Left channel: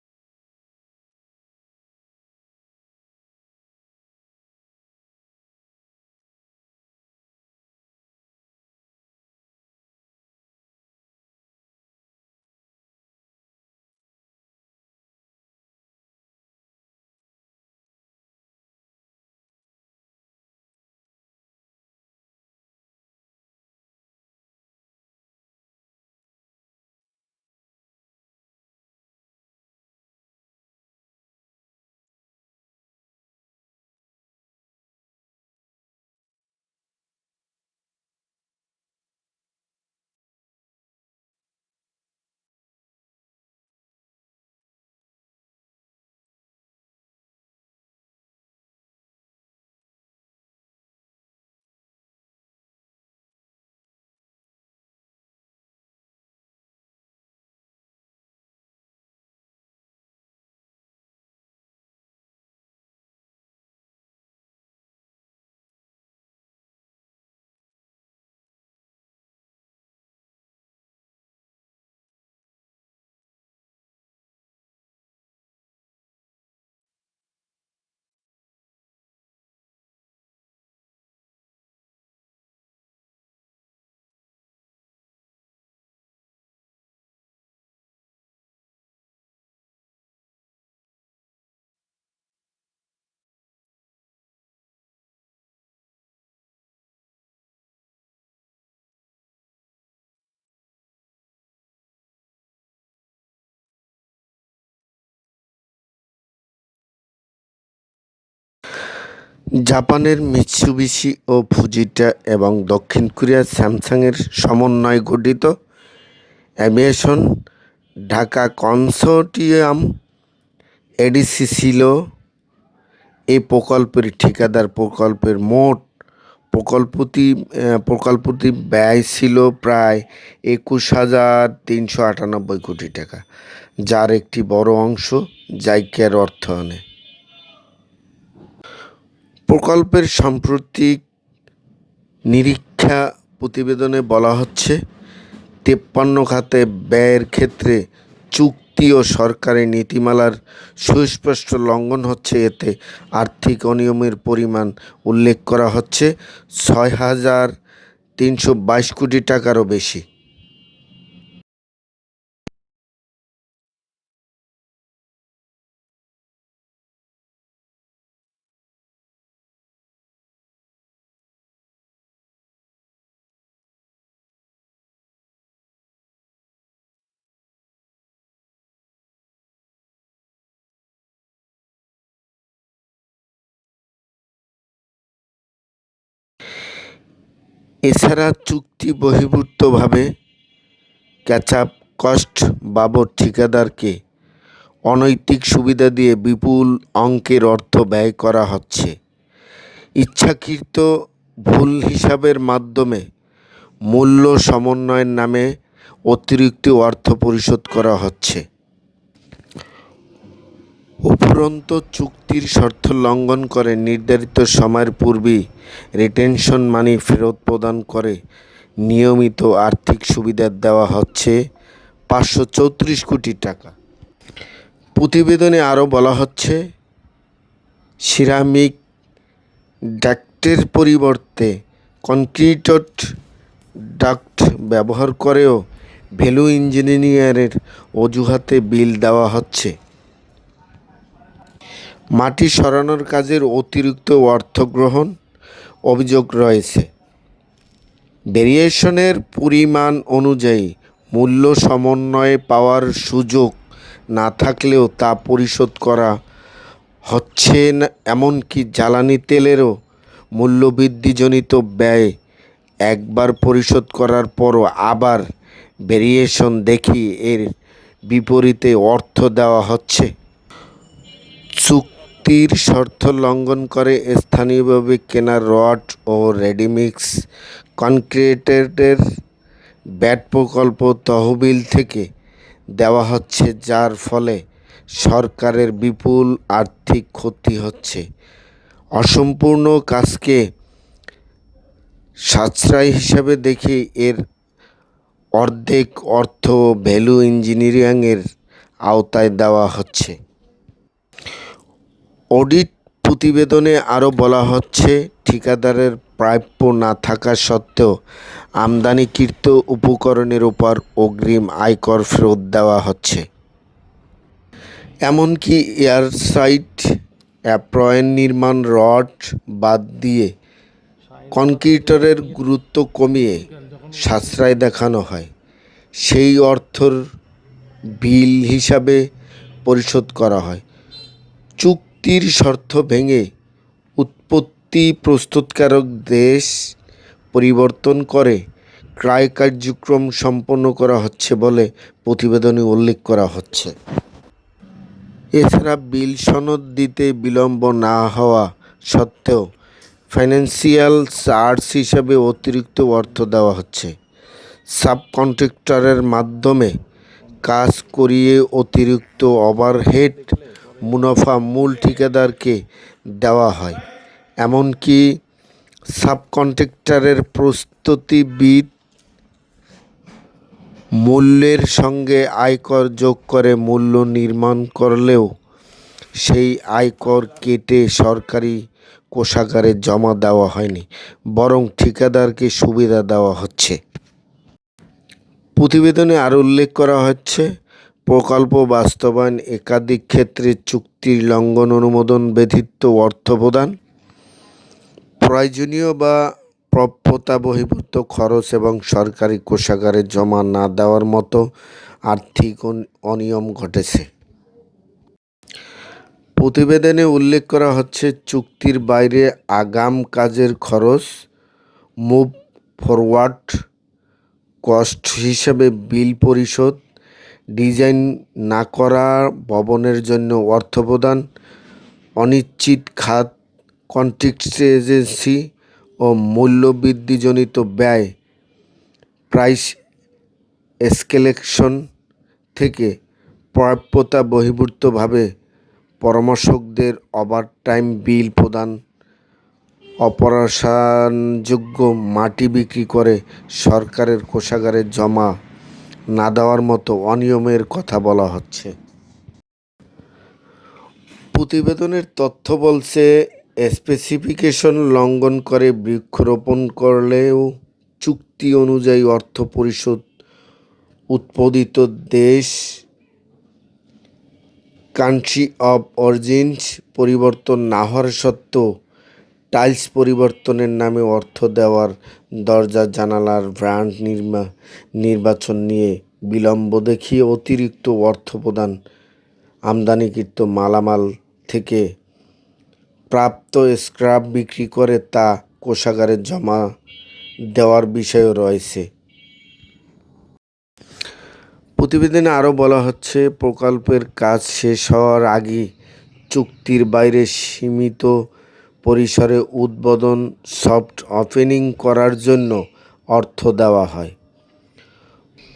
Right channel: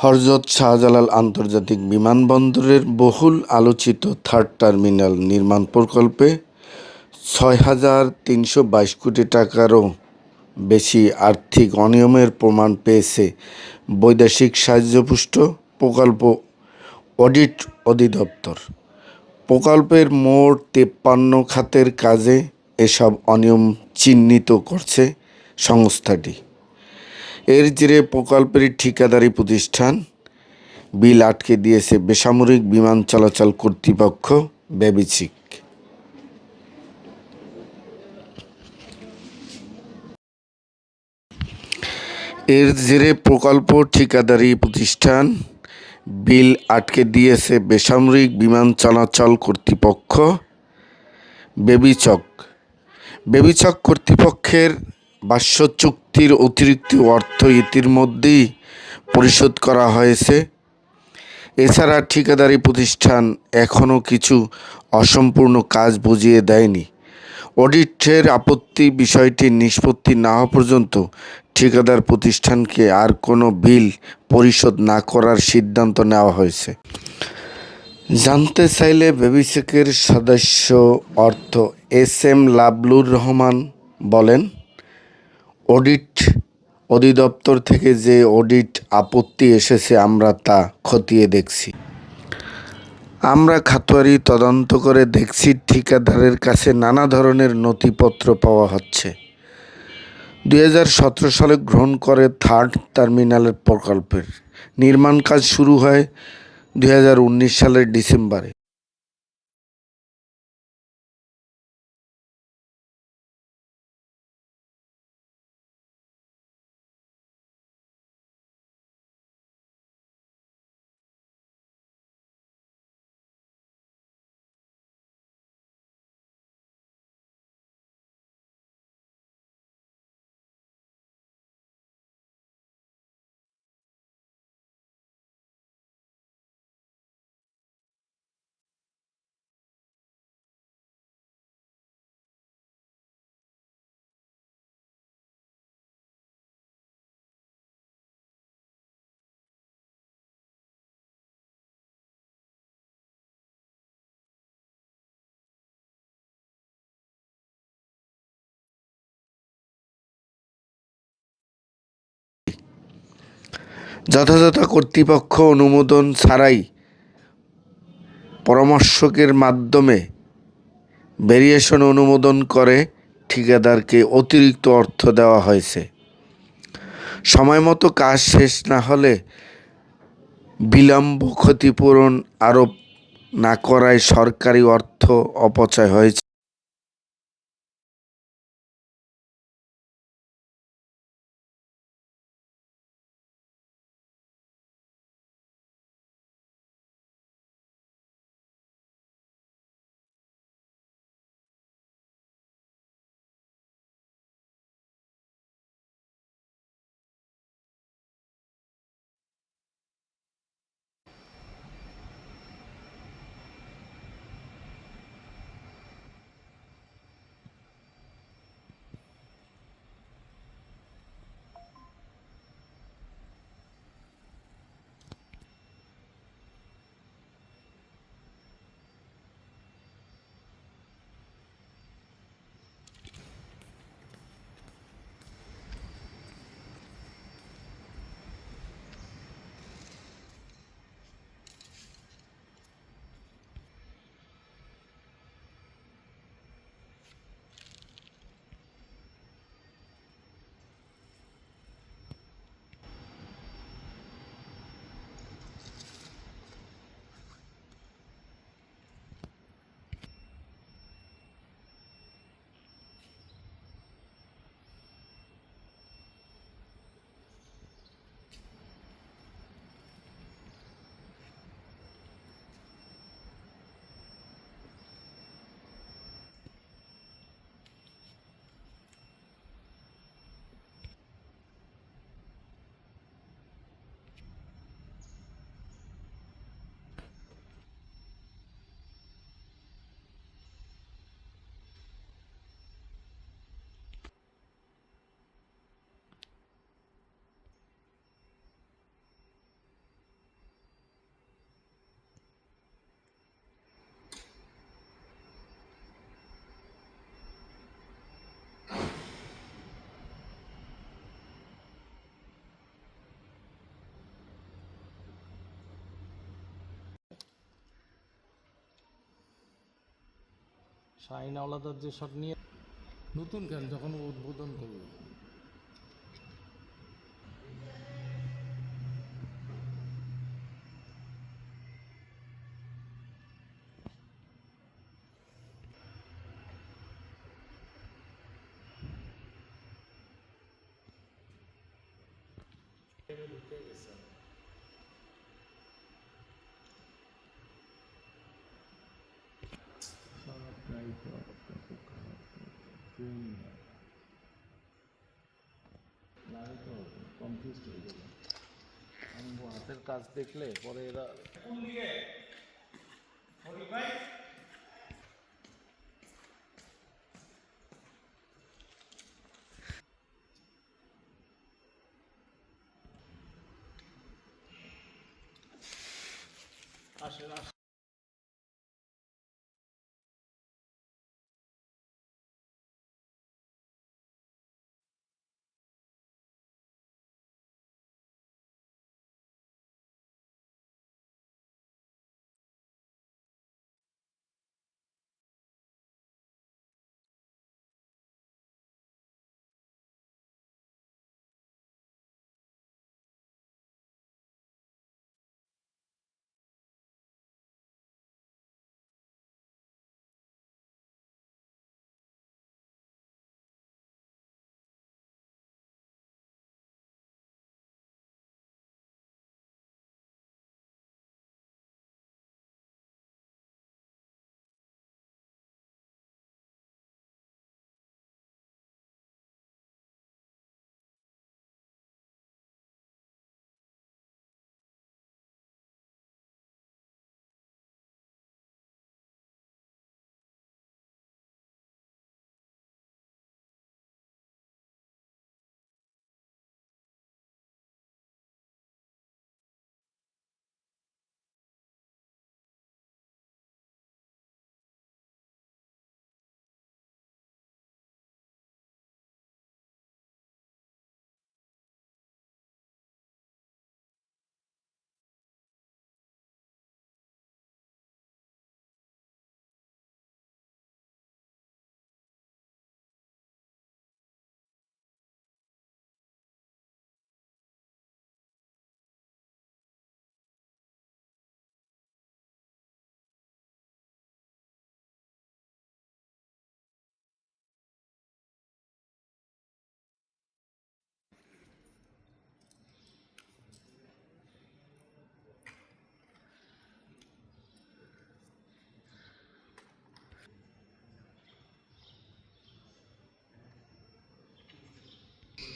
হরজত শাহজালাল আন্তর্জাতিক বিমানবন্দরের বহুল আলোচিত থার্ড টার্মিনাল নির্মাণ প্রকল্পে ছয় হাজার তিনশো বাইশ কোটি টাকারও বেশি আর্থিক অনিয়মের প্রমাণ পেয়েছে বৈদেশিক সাহায্যপুষ্ট প্রকল্প অডিট অধিদপ্তর। প্রকল্পের মোট তেপ্পান্ন খাতের কাজে এসব অনিয়ম চিহ্নিত করছে সংস্থাটি। এর জেরে প্রকল্পের ঠিকাদারি প্রতিষ্ঠান বিল আটকে দিয়েছে বেসামরিক বিমান চলাচল কর্তৃপক্ষ বেবিচিক এর জেরে প্রকল্প ঠিকাদারি প্রতিষ্ঠান বিল আটকে দিয়েছে বেসামরিক বিমান চলাচল কর্তৃপক্ষ বেবিচক বেবিচক কর্তৃপক্ষের বাস্য চুক্তির অতিরিক্ত অর্থ ইতিমধ্যেই পরিশোধ করা হয়েছে। এছাড়া ঠিকাদারি প্রতিষ্ঠান এখনও কিছু অসম্পূর্ণ কাজ বুঝিয়ে দেয়নি। অডিটের আপত্তি বিষয়টি নিষ্পত্তি না হওয়া পর্যন্ত ঠিকাদার প্রতিষ্ঠানকে আর কোনো বিল পরিশোধ না করার সিদ্ধান্ত নেওয়া হয়েছে। জানতে চাইলে বেবিসেকের সদস্য অর্থ এস এম লাবলুর রহমান বলেন অডিট অধিদপ্তর থেকে যে অডিট আপত্তি এসেছে, আমরা তা খতিয়ে দেখছি। আমরা খাতোয়ারি তদন্ত করে দেখছি, ঠিকাদারের কাছে নানা ধরনের নথিপত্র পাওয়া হচ্ছে। দু হাজার সতেরো সালে গ্রহণ করে থার্ড টার্মিনালের প্রকল্পের নির্মাণ কাজ শুরু হয় দু হাজার উনিশ সালের ডিসেম্বরে। জাপানের মিৎসুবিশি ও ফুজিটা এবং দক্ষিণ কোরিয়ার স্যামসাংয়ের সমন্বয়ে গঠিত অ্যাভিয়েশন ঢাকা কনসোর্টিয়াম এডিসি ছিল এই প্রকল্পের ঠিকাদার প্রকল্পের মোট প্রকল্পটি প্রকল্পটি ব্যয় ছিল প্রায় একুশ হাজার তিনশো আটানব্বই কোটি টাকা, যার একটি বড় অংশ জাইকার অর্থায়নে প্রকল্পের সাম্প্রতিক নিরীক্ষা প্রতিবেদনে বলা হচ্ছে, তেপ্পান্ন খাতে ব্যয়ের ক্ষেত্রে চুক্তি ও সরকারি নীতিমালার সুস্পষ্ট লঙ্ঘন হচ্ছে। এতে আর্থিক অনিয়মের পরিমাণ উল্লেখ করা হচ্ছে, ছয় হাজার তিনশো বাইশ কোটি টাকারও বেশি। যথাযথ কর্তৃপক্ষ অনুমোদন ছাড়াই পরামর্শকের মাধ্যমে ভেরিয়েশন অনুমোদন করে ঠিকাদারকে অতিরিক্ত অর্থ দেওয়া হয়েছে। সময় মতো কাজ শেষ না হলে বিলম্ব ক্ষতিপূরণ আরোপ না করায় সরকারি অর্থ অপচয় হয়েছে। এছাড়া চুক্তি বহির্ভূতভাবে ক্যাচআপ কস্ট বাবদ ঠিকাদারকে অনৈতিক সুবিধা দিয়ে বিপুল অঙ্কের অর্থ ব্যয় করা হচ্ছে। ইচ্ছাকৃত ভুল হিসাবের মাধ্যমে মূল্য সমন্বয়ের নামে অতিরিক্ত অর্থ পরিশোধ করা হচ্ছে। উপরন্ত চুক্তির শর্ত লঙ্ঘন করে নির্ধারিত সময়ের পূর্বেই রিটেনশন মানি ফেরত প্রদান করে নিয়মিত আর্থিক সুবিধা দেওয়া হচ্ছে পাঁচশো চৌত্রিশ কোটি টাকা। প্রতিবেদনে আরও বলা হচ্ছে, সিরামিক ডাক্টের পরিবর্তে কনক্রিটড ডাক্ট ব্যবহার করেও ভ্যালু ইঞ্জিনিয়ারের অজুহাতে বিল দেওয়া হচ্ছে। মাটি সরানোর কাজের অতিরিক্ত অর্থ গ্রহণ অভিযোগ রয়েছে। ভেরিয়েশনের পরিমাণ অনুযায়ী মূল্য সমন্বয়ে পাওয়ার সুযোগ না থাকলেও তা পরিশোধ করা হচ্ছে এমনকি জ্বালানি তেলেরও মূল্যবৃদ্ধিজনিত ব্যয় একবার পরিশোধ করার পরও আবার ভেরিয়েশন দেখি এর বিপরীতে অর্থ দেওয়া হচ্ছে। চুক্তির শর্ত লঙ্ঘন করে স্থানীয়ভাবে কেনা রড ও রেডিমিক্স কনক্রিটের ব্যাট প্রকল্প তহবিল থেকে দেওয়া হচ্ছে, যার ফলে সরকারের বিপুল আর্থিক ক্ষতি হচ্ছে। অসম্পূর্ণ কাজকে সাশ্রয় হিসাবে দেখে এর অর্ধেক অর্থ ভ্যালু ইঞ্জিনিয়ারিংয়ের আওতায় দেওয়া হচ্ছে। অডিট প্রতিবেদনে আরও বলা হচ্ছে, ঠিকাদারের প্রাপ্য না থাকা সত্ত্বেও আমদানিকৃত উপকরণের উপর অগ্রিম আয়কর ফেরত দেওয়া হচ্ছে। এমনকি এয়ারসাইট, অ্যাপ্রয়েন নির্মাণ রড বাদ দিয়ে কনক্রিটরের গুরুত্ব কমিয়ে সাশ্রয় দেখানো হয়। সেই অর্থর বিল হিসাবে পরিশোধ করা হয়। চুক্তির শর্ত ভেঙে উৎপত্তি প্রস্তুতকারক দেশ পরিবর্তন করে, ক্রয় কার্যক্রম সম্পন্ন করা হচ্ছে বলে প্রতিবেদনে উল্লেখ করা হচ্ছে। এছাড়া বিল সনদ দিতে বিলম্ব না হওয়া সত্ত্বেও ফাইন্যান্সিয়াল চার্জ হিসাবে অতিরিক্ত অর্থ দেওয়া হচ্ছে। সাবকন্ট্রাক্টরের মাধ্যমে কাজ করিয়ে অতিরিক্ত ওভারহেড মুনাফা মূল ঠিকাদারকে দেওয়া হয়। এমনকি সাবকন্ট্রাক্টরের প্রস্তুতিবিদ মূল্যের সঙ্গে আয়কর যোগ করে মূল্য নির্মাণ করলেও সেই আয়কর কেটে সরকারি কোষাগারে জমা দেওয়া হয়নি, বরং ঠিকাদারকে সুবিধা দেওয়া হচ্ছে। প্রতিবেদনে আরও উল্লেখ করা হচ্ছে, প্রকল্প বাস্তবায়ন একাধিক ক্ষেত্রে চুক্তির লঙ্ঘন অনুমোদন ব্যতীত অর্থ প্রদান প্রয়োজনীয় বা প্রাপ্যতা বহির্ভূত খরচ এবং সরকারি কোষাগারে জমা না দেওয়ার মতো আর্থিক অনিয়ম ঘটেছে। প্রতিবেদনে উল্লেখ করা হচ্ছে, চুক্তির বাইরে আগাম কাজের খরচ, মুভ ফরওয়ার্ড কস্ট হিসেবে বিল পরিশোধ, ডিজাইন না করা ভবনের জন্য অর্থ প্রদান অনিশ্চিত খাত কন্ট্রিক্টেজেন্সি ও মূল্যবৃদ্ধিজনিত ব্যয় প্রাইস এসকেলেকশন থেকে প্রাপ্যতা বহির্ভূতভাবে পরামর্শকদের ওভারটাইম বিল প্রদান, অপসারণযোগ্য মাটি বিক্রি করে সরকারের কোষাগারে জমা না দেওয়ার মতো অনিয়মের কথা বলা হচ্ছে। প্রতিবেদনের তথ্য বলছে স্পেসিফিকেশন লঙ্ঘন করে বৃক্ষরোপণ করলেও চুক্তি অনুযায়ী অর্থ পরিশোধ উৎপাদিত দেশ কান্ট্রি অব অরিজিনস পরিবর্তন না হওয়ার সত্ত্বেও টাইলস পরিবর্তনের নামে অর্থ দেওয়ার দরজা জানালার ব্র্যান্ড নির্মা, নির্বাচন নিয়ে বিলম্ব দেখিয়ে অতিরিক্ত অর্থ প্রদান আমদানিকৃত মালামাল থেকে প্রাপ্ত স্ক্র্যাপ বিক্রি করে তা কোষাগারে জমা দেওয়ার বিষয়ও রয়েছে। প্রতিবেদনে আরও বলা হচ্ছে, প্রকল্পের কাজ শেষ হওয়ার আগে চুক্তির বাইরে সীমিত পরিসরে উদ্বোধন সফট ওপেনিং করার জন্য অর্থ দেওয়া হয়।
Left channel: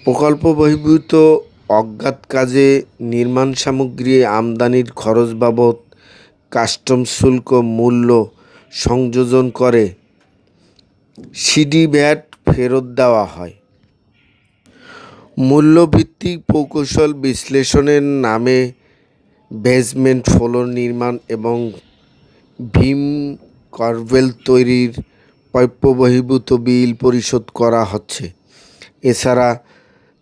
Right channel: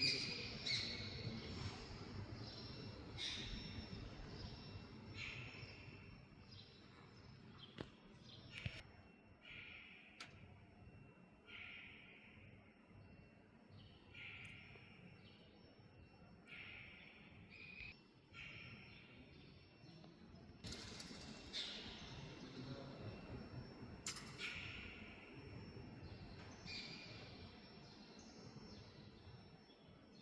প্রকল্প বহির্ভূত অজ্ঞাত কাজে নির্মাণ সামগ্রী আমদানির খরচ বাবদ কাস্টম শুল্ক মূল্য সংযোজন করে সিডি ভ্যাট ফেরত দেওয়া হয়। মূল্যভিত্তিক প্রকৌশল বিশ্লেষণের নামে বেসমেন্ট ফ্লোর নির্মাণ এবং ভীম কার্ভেল তৈরির প্রাপ্য বহির্ভূত বিল পরিশোধ করা হচ্ছে। এছাড়া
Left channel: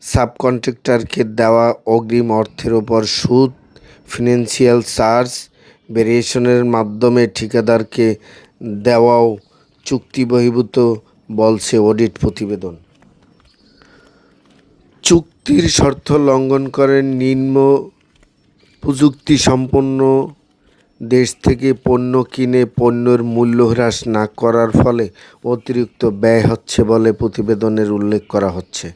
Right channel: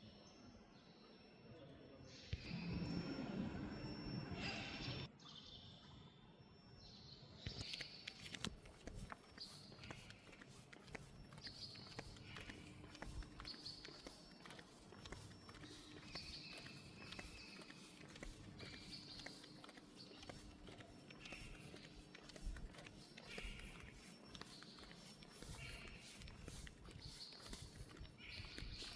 সাবকন্ট্রাক্টরকে দেওয়া অগ্রিম অর্থের ওপর সুদ, ফিনান্সিয়াল চার্জ ভেরিয়েশনের মাধ্যমে ঠিকাদারকে দেওয়াও চুক্তি বহির্ভূত বলছে অডিট প্রতিবেদন। চুক্তির শর্ত লঙ্ঘন করে নিম্ন প্রযুক্তি সম্পন্ন দেশ থেকে পণ্য কিনে পণ্যের মূল্য হ্রাস না করার ফলে অতিরিক্ত ব্যয় হচ্ছে বলে প্রতিবেদনের উল্লেখ করা হচ্ছে।